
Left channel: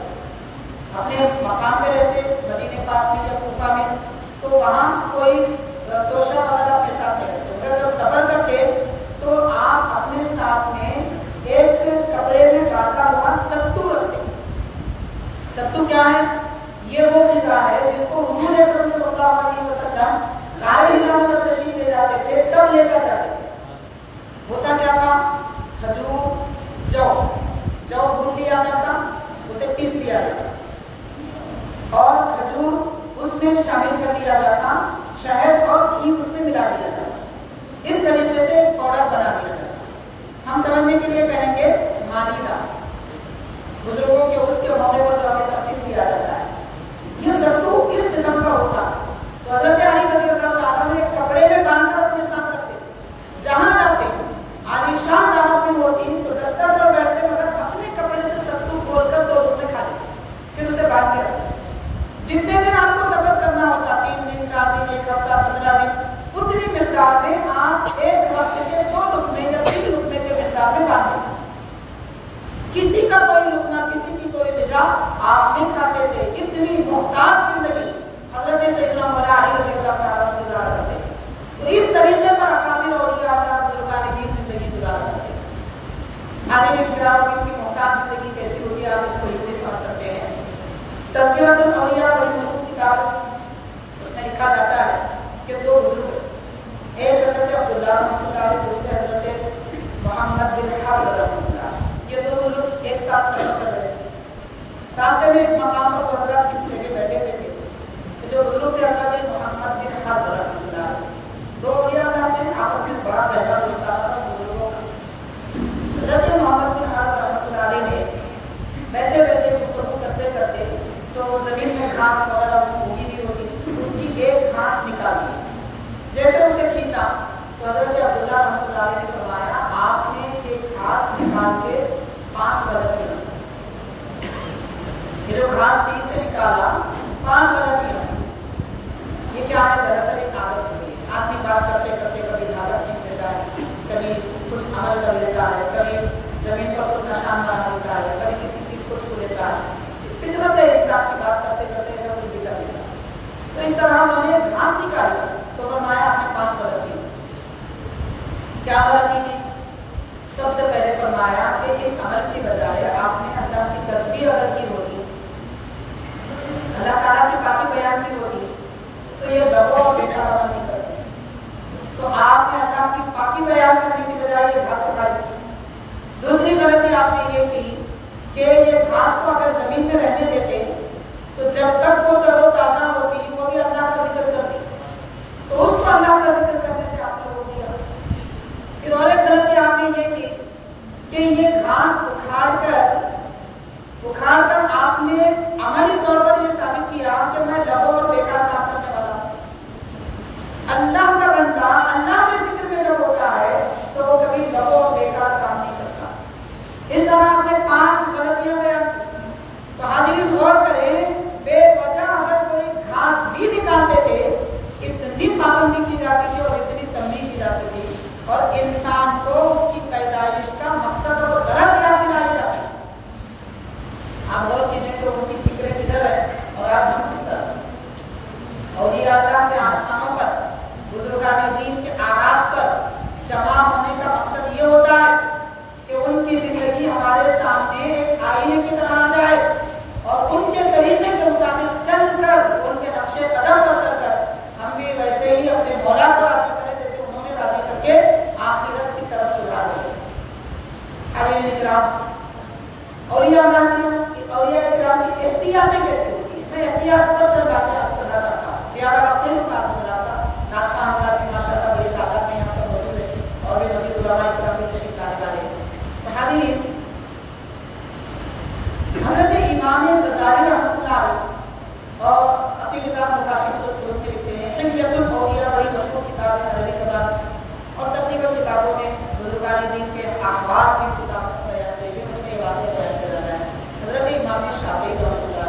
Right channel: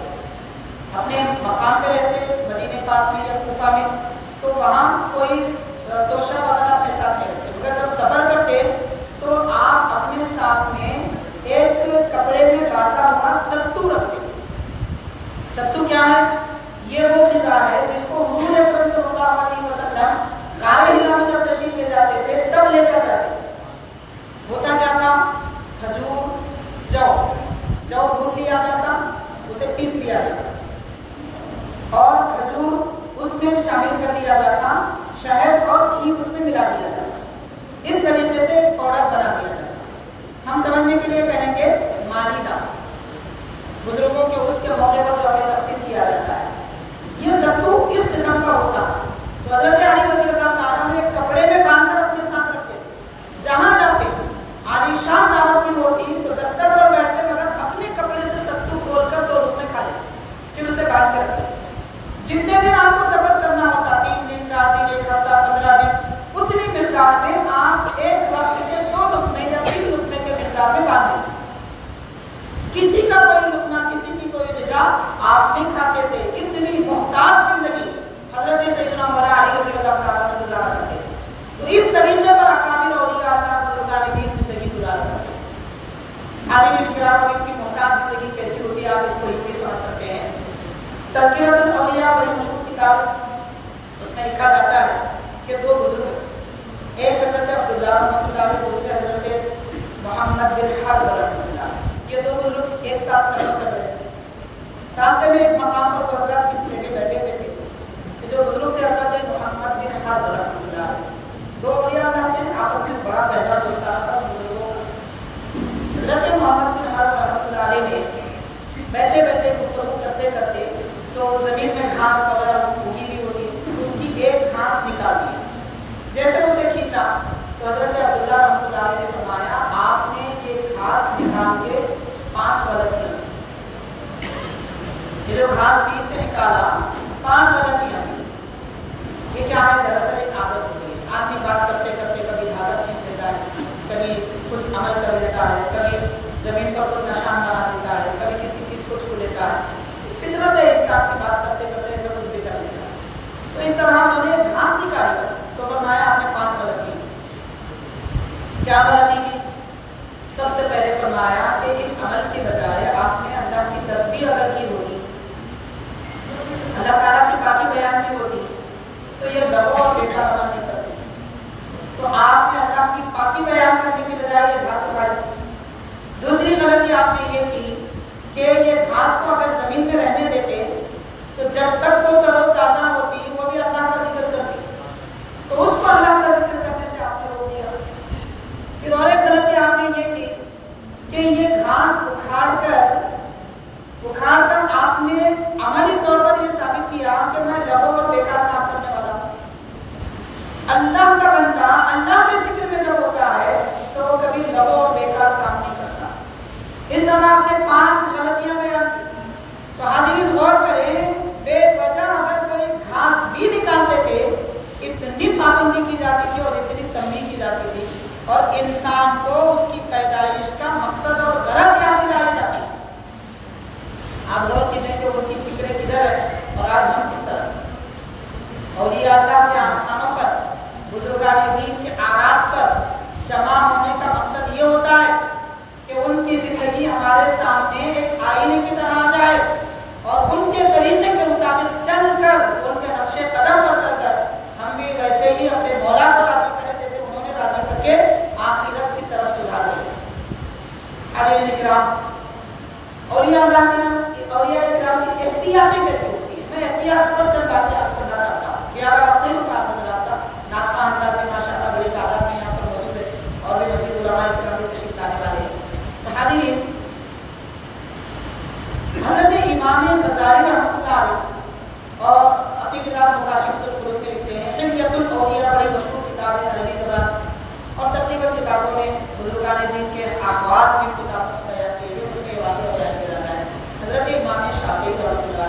اپنے مقام پہ رہتے مدینہ پاک میں یا کوفہ میں تو وہاں کوئی توشہ وغیرہ اپنے ساتھ نہیں رکھتے، مگر جب سفر کرتے تو آپ اپنے ساتھ میں ایک کپڑے میں باندھا ہوا ستو رکھتے۔ ستو کیا ہے؟ یہ وہ غذا ہے جس کو حضور اکرم صلی اللہ علیہ وسلم غار حرا میں جب تشریف لے جاتے تھے تب لے کر جاتے تھے۔ ہوتا کیا تھا؟ کھجور، جو بھون لیا جاتا، اسے پیس لیا جاتا اور کھجور اس میں شامل کر لیا جاتا، شہد اور گھی اس میں ملا دیا جاتا، اس طریقے سے پاؤڈر بنا دیا جاتا۔ ہم سمجھنے کے لیے کہیں گے مالیدہ، بزرگوں کے عرس کے موقع پر جو ہمیں تقسیم کیا جاتا ہے، یہ ستو اس قسم کا ہوتا ہے۔ تو حضرت علی رضی اللہ تعالیٰ نے ایک کپڑے میں باندھ کر اپنے ساتھ رکھتے تھے، جہاں جاتے عالی شان دعوت میں ہوتی تو دستر پر بیٹھتے مگر اپنے کپڑے سے ستو کھول کر 2 لقمے کھا لیتے، پھر اسے باندھ کے رکھتے۔ جتنے دن آپ کو سفر کرنا ہوتا، 3 دن 4 دن 1 ہفتہ 15 دن، اتنی مقدار میں آپ ایک وقت کے 2 لقمے یا 3 لقمے کے مقدار میں باندھ لیتے۔ کسی کا کوئی لقمہ، کسی کی کوئی غذا آپ نہیں کھاتے تھے۔ اتنی محتاط زندگی حضرت سیدنا مولا علی رضی اللہ تعالیٰ عنہ گزارا کرتے تھے۔ تو اس طریقے پر اکابر اولیاء اللہ بزرگان دین زندگی گزارا کرتے ہیں۔ حاضرین کرام، اب ان کی محتاط زندگی کیسی ہوتی ہے آپ اس کو یوں بھی سمجھ سکتے ہیں۔ تذکرۃ الاولیاء بڑی مشہور کتاب، اس میں لکھا جاتا ہے کہ 2 بزرگ ہیں، ایک حضرت عبداللہ رحمۃ اللہ علیہ، دوسرے حضرت محمد بن حرب رحمۃ اللہ علیہ۔ یہ 2 بزرگ ایک ساتھ سفر کر رہے تھے۔ راستے میں ایک مقام پر وہ حضرات کسی جگہ بیٹھے ہوئے تھے، جو بزرگ تھے حضرت محمد بن حرب رحمۃ اللہ علیہ، 2 اولیاء اللہ تھے، آپس میں بڑا گہرا دوستانہ تھا بزرگوں کا۔ حضرت محمد بن حرب رحمۃ اللہ علیہ نے بیٹھے بیٹھے گفتگو کرتے کرتے جو زمین میں گھاس وغیرہ اگی ہوئی ہوتی اس کی ایک گھاس نکال دی۔ جیسے اسے کھینچا تو حضرت عبداللہ رحمۃ اللہ علیہ نے فرمایا، آپ نے یہ گھاس نکال کے 5 غلطیاں، یہ جو گھاس تھی اسے نکالا 5 غلطیاں تھی۔ یہ کیا ہے؟ دراصل ایک عادت ہوتی ہے، آدمی بات کرتے کرتے کبھی دھاگا کھینچ لیتا ہے، کبھی کچھ عمل کر لیتا ہے، کبھی زمین پر کچھ نشان بنا دیتا ہے، کبھی کسی چیز کو چھو لیتا ہے۔ فطرت ہے انسان کی، بات کرتے کرتے ایسا کچھ بھی کر لیتا ہے۔ تو اس طرح انہوں نے گھاس نکالی بس، تو فرمایا آپ نے 5 غلطی۔ کیا غلطی کی؟ سب سے پہلے فرمایا کہ اس عمل کی بجائے آپ نے اللہ کی تسبیح اگر کی ہوتی، اللہ تعالیٰ کی پاکی بیان کی ہوتی تو یہ لغو اور بیکار عمل نہیں کرتے۔ تو آپ نے اللہ کی پاکی بیان کرنے کی بجائے یہ گھاس اٹھائی۔ دوسری غلطی آپ نے یہ کی کہ یہ گھاس کو اگر زمین میں رہنے دیتے تو جب تک وہ تر و تازہ ہوتی وہ بھی اللہ کا ذکر کرتی، تو اس کو اللہ کا ذکر کرنے سے آپ نے روک دیا۔ پھر اور ایک غلطی آپ نے یہ کی کہ یہ گھاس اکھاڑ کر آپ نے عملی طور پر یہ ثابت کیا کہ میں لغو اور بیکار کام کرنے والا ہوں۔ اللہ کا بندہ اللہ کے ذکر میں جب ہوتا ہے تو وہ کبھی لغو اور بیکار کام نہیں کرتا۔ اس طرح آپ نے 5 غلطیاں بیان کی۔ تو حاضرین غور کریں، بے وجہ اگر کوئی گھاس بھی نکالتے تھے اتنی پابندی کی جاتی تھی اور اتنی تنبیہ کی جاتی تھی، اور انسان کو اس کی پیدائش کا مقصد اور غرض یاد دلائی جاتی ہے۔ آپ غور کیجئے کہ ان کی فکر کدھر ہے اور آج ہم کس طرح۔ اولیاء اللہ کے آستانوں پر، بزرگان دین کے آغاز پر جمع ہونے کا مقصد یہ ہوتا ہے کہ ان کی زندگی ہمارے سامنے ایک آئینے کی طرح آ جائے اور ان کے طریقے کے مطابق چل کر، ان کے نقش قدم پر چل کر ہم بھی ویسے ہی اپنے مولا کو راضی کریں جیسے انہوں نے راضی کر کے آخرت کی طرف سدھار لیا۔ حاضرین کرام، اولیاء کرام کی احتیاطیں کیسی ہوتی ہیں؟ میں احتیاط پر چند باتیں عرض کرنا چاہتا ہوں، زیادہ وقت نہیں ہوگا آپ حضرات کا۔ نعت خواں حضرات بھی ماشاءاللہ بڑی تعداد میں یہاں پر موجود ہے اور بھی مزید علماء کرام بھی تشریف لانے والے ہیں۔ تو حاضرین، حضرت امام غزالی رحمۃ اللہ علیہ اور اپنی کتاب مکاشفۃ القلوب میں لکھتے ہیں، حلیۃ الاولیاء بڑی مشہور کتاب ہے عربی زبان، اور تقریباً کتابوں میں بزرگان دین کے احوال جن کتابوں میں بیان کیے گئے اس میں یہ واقعہ بیان کیا جاتا ہے۔ حضرت امام شافعی رحمۃ اللہ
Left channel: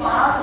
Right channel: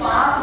5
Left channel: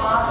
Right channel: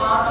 5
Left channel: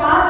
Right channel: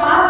5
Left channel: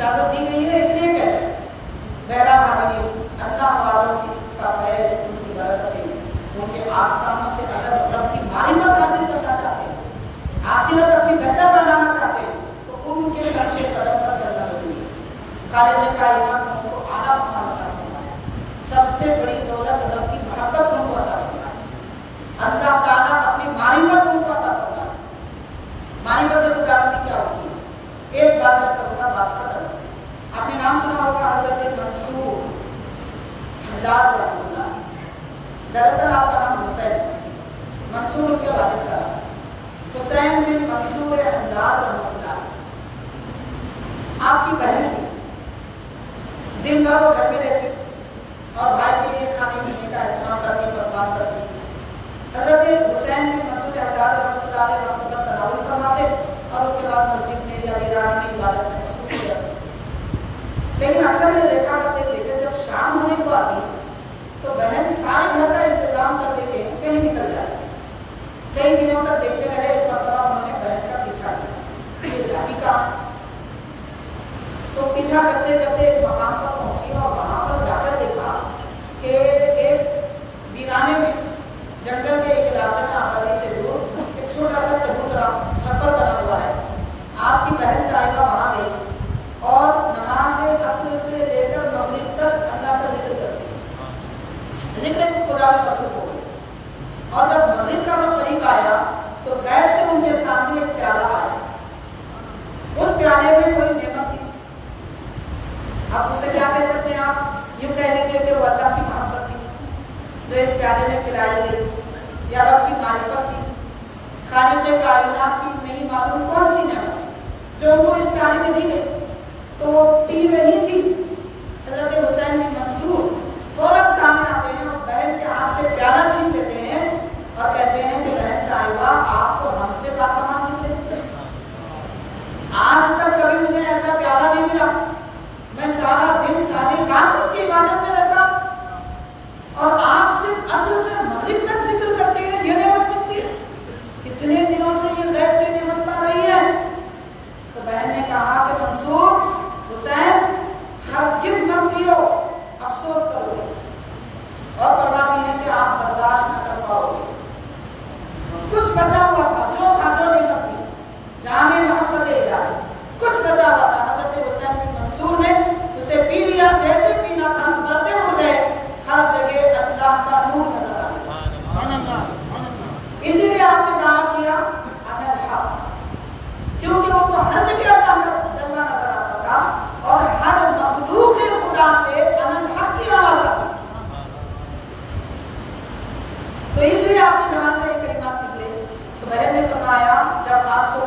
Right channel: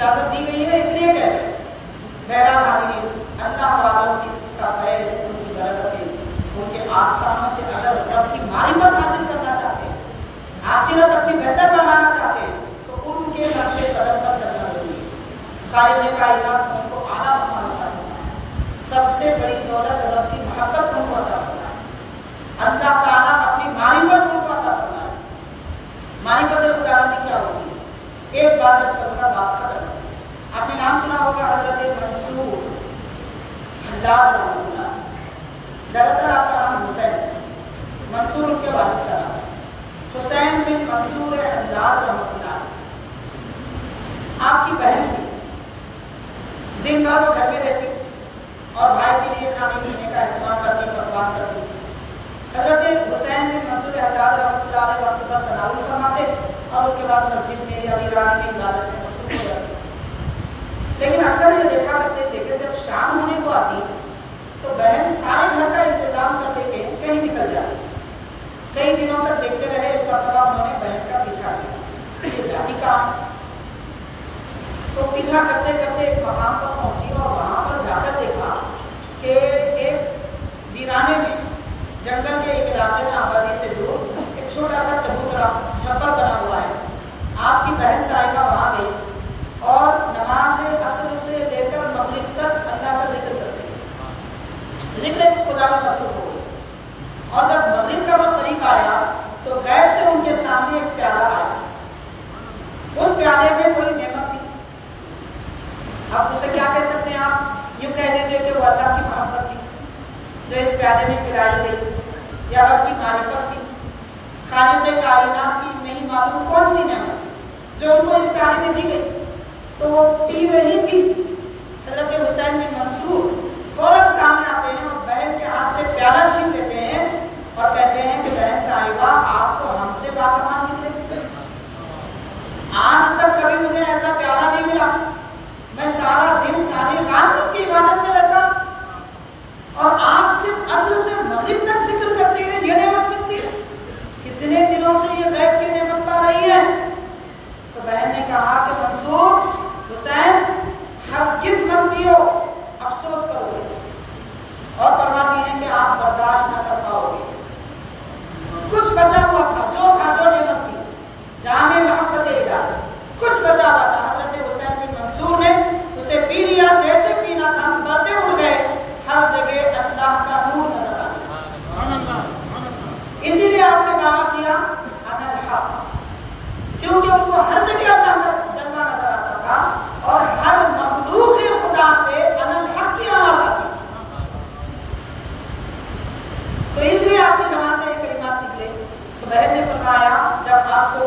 اجازت دی گئی ہے اس لیے کہہ رہے ہیں۔ بہرحال حاضرین، اللہ والوں کا فیض، ان کی برکتیں، ان کے آستانوں سے اگر رب کی معرفت حاصل کرنا چاہتے ہیں، آخرت اپنی بہتر بنانا چاہتے ہیں، تو ان کے نقش قدم پر چلنا ضروری ہے۔ خالق کائنات نے ان کو اعلیٰ مقام عطا فرمایا، سب سے بڑی دولت رب کی محبت ان کو عطا فرمایا، اللہ تعالیٰ اپنی معرفت ان کو عطا فرمایا۔ معرفت خداوندی کیا ہوتی ہے؟ ایک بات عرض کروں گا، بات ختم۔ آپ نے نام سنا ہوگا حضرت منصور حلاج رحمۃ اللہ۔ دراصل آپ کا نام حسین ہے، منصور ان کے والد کا نام، حسین بن منصور حلاج رحمۃ اللہ۔ آپ کی بہن تھی، دن بھر وہ گھر میں رہتی اور بھائی کے لیے کھانے پینے کا اہتمام کرتی، پکوان کرتی۔ حضرت حسین بن منصور حلاج رحمۃ اللہ علیہ وقت پر تناول فرماتے اور اس کے بعد مسجد میں یا ویرانے میں عبادت میں مصروف ہو جاتے۔ لیکن اکثر یہ دیکھا کرتے تھے کہ جب شام ہونے کو آتی تو بہن سارے گھر کا انتظام کر دے کے کہیں نکل جاتی۔ کئی دنوں تک دیکھتے رہے، ایک مرتبہ انہوں نے بہن کا پیچھا کیا، یہ جاتی کہاں؟ تو پیچھا کرتے کرتے ایک مقام پر پہنچی اور وہاں پر جا کر دیکھا کہ ایک ویرانے میں، جنگل کے ایک علاقے میں آبادی سے دور ایک چھوٹا سا چبوترا چھپر بنا ہوا ہے۔ آپ کی بہن صاحبہ وہاں گئی اور نماز عصر سے لے کر مغرب تک اللہ کا ذکر کرتی ہے، ذکر خدا میں مصروف ہو گئی۔ اور جب مغرب کا وقت قریب آیا تو غیب سے ان کے سامنے ایک پیالہ آیا، اس پیالے میں کوئی نعمت تھی۔ اب اسے کیا کہہ سکتے ہیں آپ؟ یوں کہہ لیجیے کہ وہ اللہ کی محبت تھی جو اس پیالے میں پلائی گئی، یا رب کی معرفت تھی، خالق کائنات کی نہیں معلوم کون سی نعمت تھی جو ان کو اس پیالے میں دی گئی، تو وہ پی رہی تھی۔ حضرت حسین بن منصور فوراً سامنے آتے ہیں اور بہن کے ہاتھ سے پیالہ چھین لیتے ہیں اور کہتے ہیں کہ بہن صاحبہ، آپ تو ہم سے باکمال نکلے، آج تک کبھی مجھے ایسا پیالہ نہیں ملا، میں سارا دن ساری رات رب کی عبادت میں رہتا اور آپ صرف عصر سے مغرب تک ذکر کرتے ہیں، یہ نعمت ملتی ہے، کتنے دنوں سے یہ غیب کی نعمت پا رہی ہے۔ تو بہن نے کہا کہ منصور، حسین، ہرگز مت پیو، افسوس کرو گے، اور فرماتی ہیں کہ آپ برداشت نہ کر پاؤ گے۔ کچھ بچا ہوا تھا، جو نعمت تھی، جامع محبت الہی، کچھ بچا ہوا تھا، حضرت حسین بن منصور نے اسے پی لیا، جیسے پینا تھا پردے اڑ گئے، ہر جگہ اللہ کا نور نظر آ گیا۔ اسی لیے آپ نے دعویٰ کیا انا الحق، کیونکہ ان کو ہر جگہ اللہ کا جلوہ نظر آتا تھا اور ہر مخلوق خدا سے انا الحق کی آواز آتی تھی۔ تو اس لیے آپ کی زبان سے یہ کلمات نکلے۔ تو بہن نے فرمایا جب آپ کو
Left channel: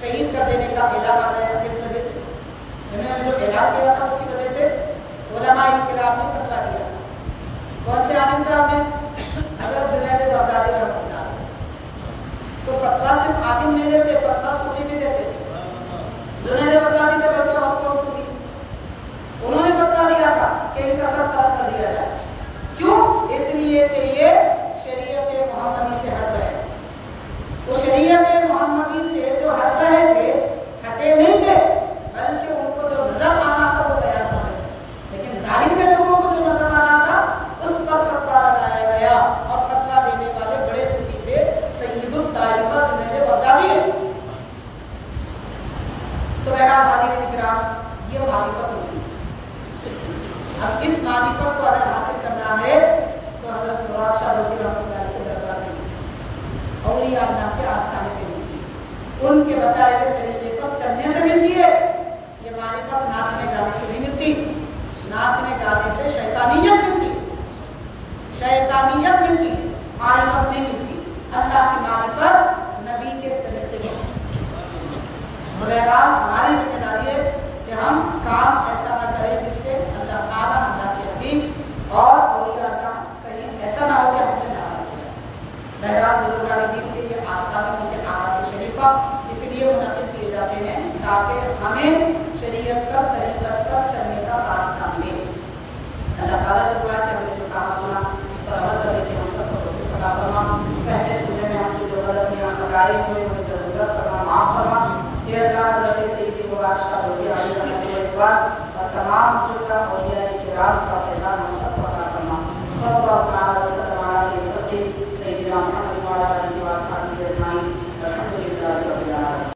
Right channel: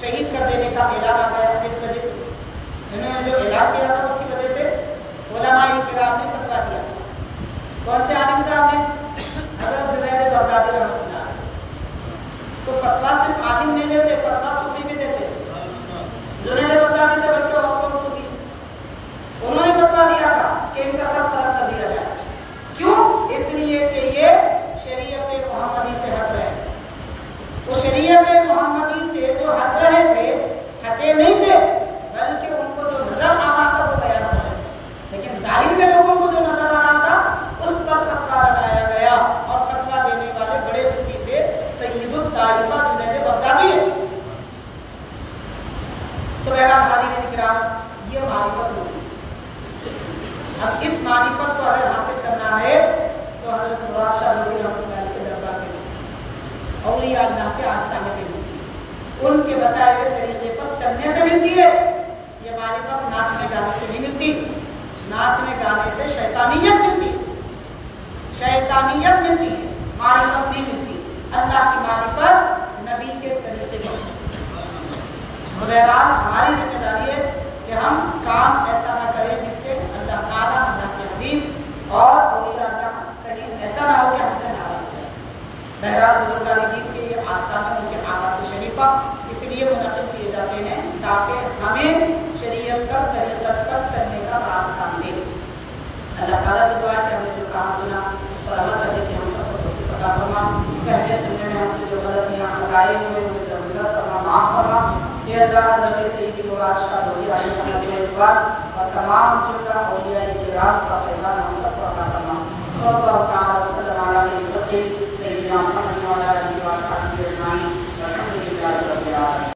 شہید کر دینے کا اعلان آ گیا، اس وجہ سے انہوں نے جو اعلان کیا تھا اس کی وجہ سے علماء کرام نے فتویٰ دیا۔ کون سے عالم صاحب نے؟ حضرت جنید بغدادی رحمۃ اللہ علیہ۔ تو فتویٰ صرف عالم نہیں دیتے، فتویٰ صوفی بھی دیتے۔ جنید بغدادی سے بڑھ کے اور کون صوفی؟ انہوں نے فتویٰ دیا تھا کہ ان کا سر قلم کر دیا جائے۔ کیوں؟ اس لیے کہ یہ شریعت محمدی سے ہٹ رہے ہیں۔ وہ شریعت محمدی سے جو ہٹ رہے تھے، ہٹے نہیں تھے، بلکہ ان کو جو نظر آنا تھا وہ بیان کر رہے تھے، لیکن ظاہر میں لوگوں کو جو نظر آنا تھا اس پر فتویٰ لگایا گیا، اور فتویٰ دینے والے بڑے صوفی تھے، سید الطائفہ جنید بغدادی ہے۔ تو بہرحال حاضرین کرام، یہ معرفت ہوتی ہے۔ اب اس معرفت کو اگر حاصل کرنا ہے تو حضرت مراد شاہ رضی اللہ عنہ کے دربار میں اولیاء اللہ کے آستانے پہ ملتی ہے، ان کے بتائے ہوئے طریقے پر چلنے سے ملتی ہے۔ یہ معرفت ناچنے گانے سے نہیں ملتی، ناچنے گانے سے شیطانیت ملتی ہے، شیطانیت ملتی ہے، معرفت نہیں ملتی۔ اللہ کی معرفت نبی کے طریقے پر۔ بہرحال ہماری ذمہ داری ہے کہ ہم کام ایسا نہ کریں جس سے اللہ تعالیٰ، اللہ کے حبیب اور اولیاء اللہ کہیں ایسا نہ ہو کہ ہم سے ناراض ہو جائے۔ بہرحال بزرگان دین کے یہ آستانے ان کے آغاز شریفہ اس لیے منعقد کیے جاتے ہیں تاکہ ہمیں شریعت پر، طریقت پر چلنے کا راستہ ملے۔ اللہ تعالیٰ سے دعا ہے کہ ہم نے جو کہا سنا اس پر عمل کرنے کی ہم سب کو توفیق عطا فرما، کہنے سننے میں ہم سے جو غلطیاں خطائیں ہوئے انہیں درگزر فرما، معاف فرما۔ یہ اللہ حضرت سیدی بواد شاہ رضوان اور تمام جملہ اولیاء کرام کا فیضان ہم سب کو عطا فرما۔ صلی اللہ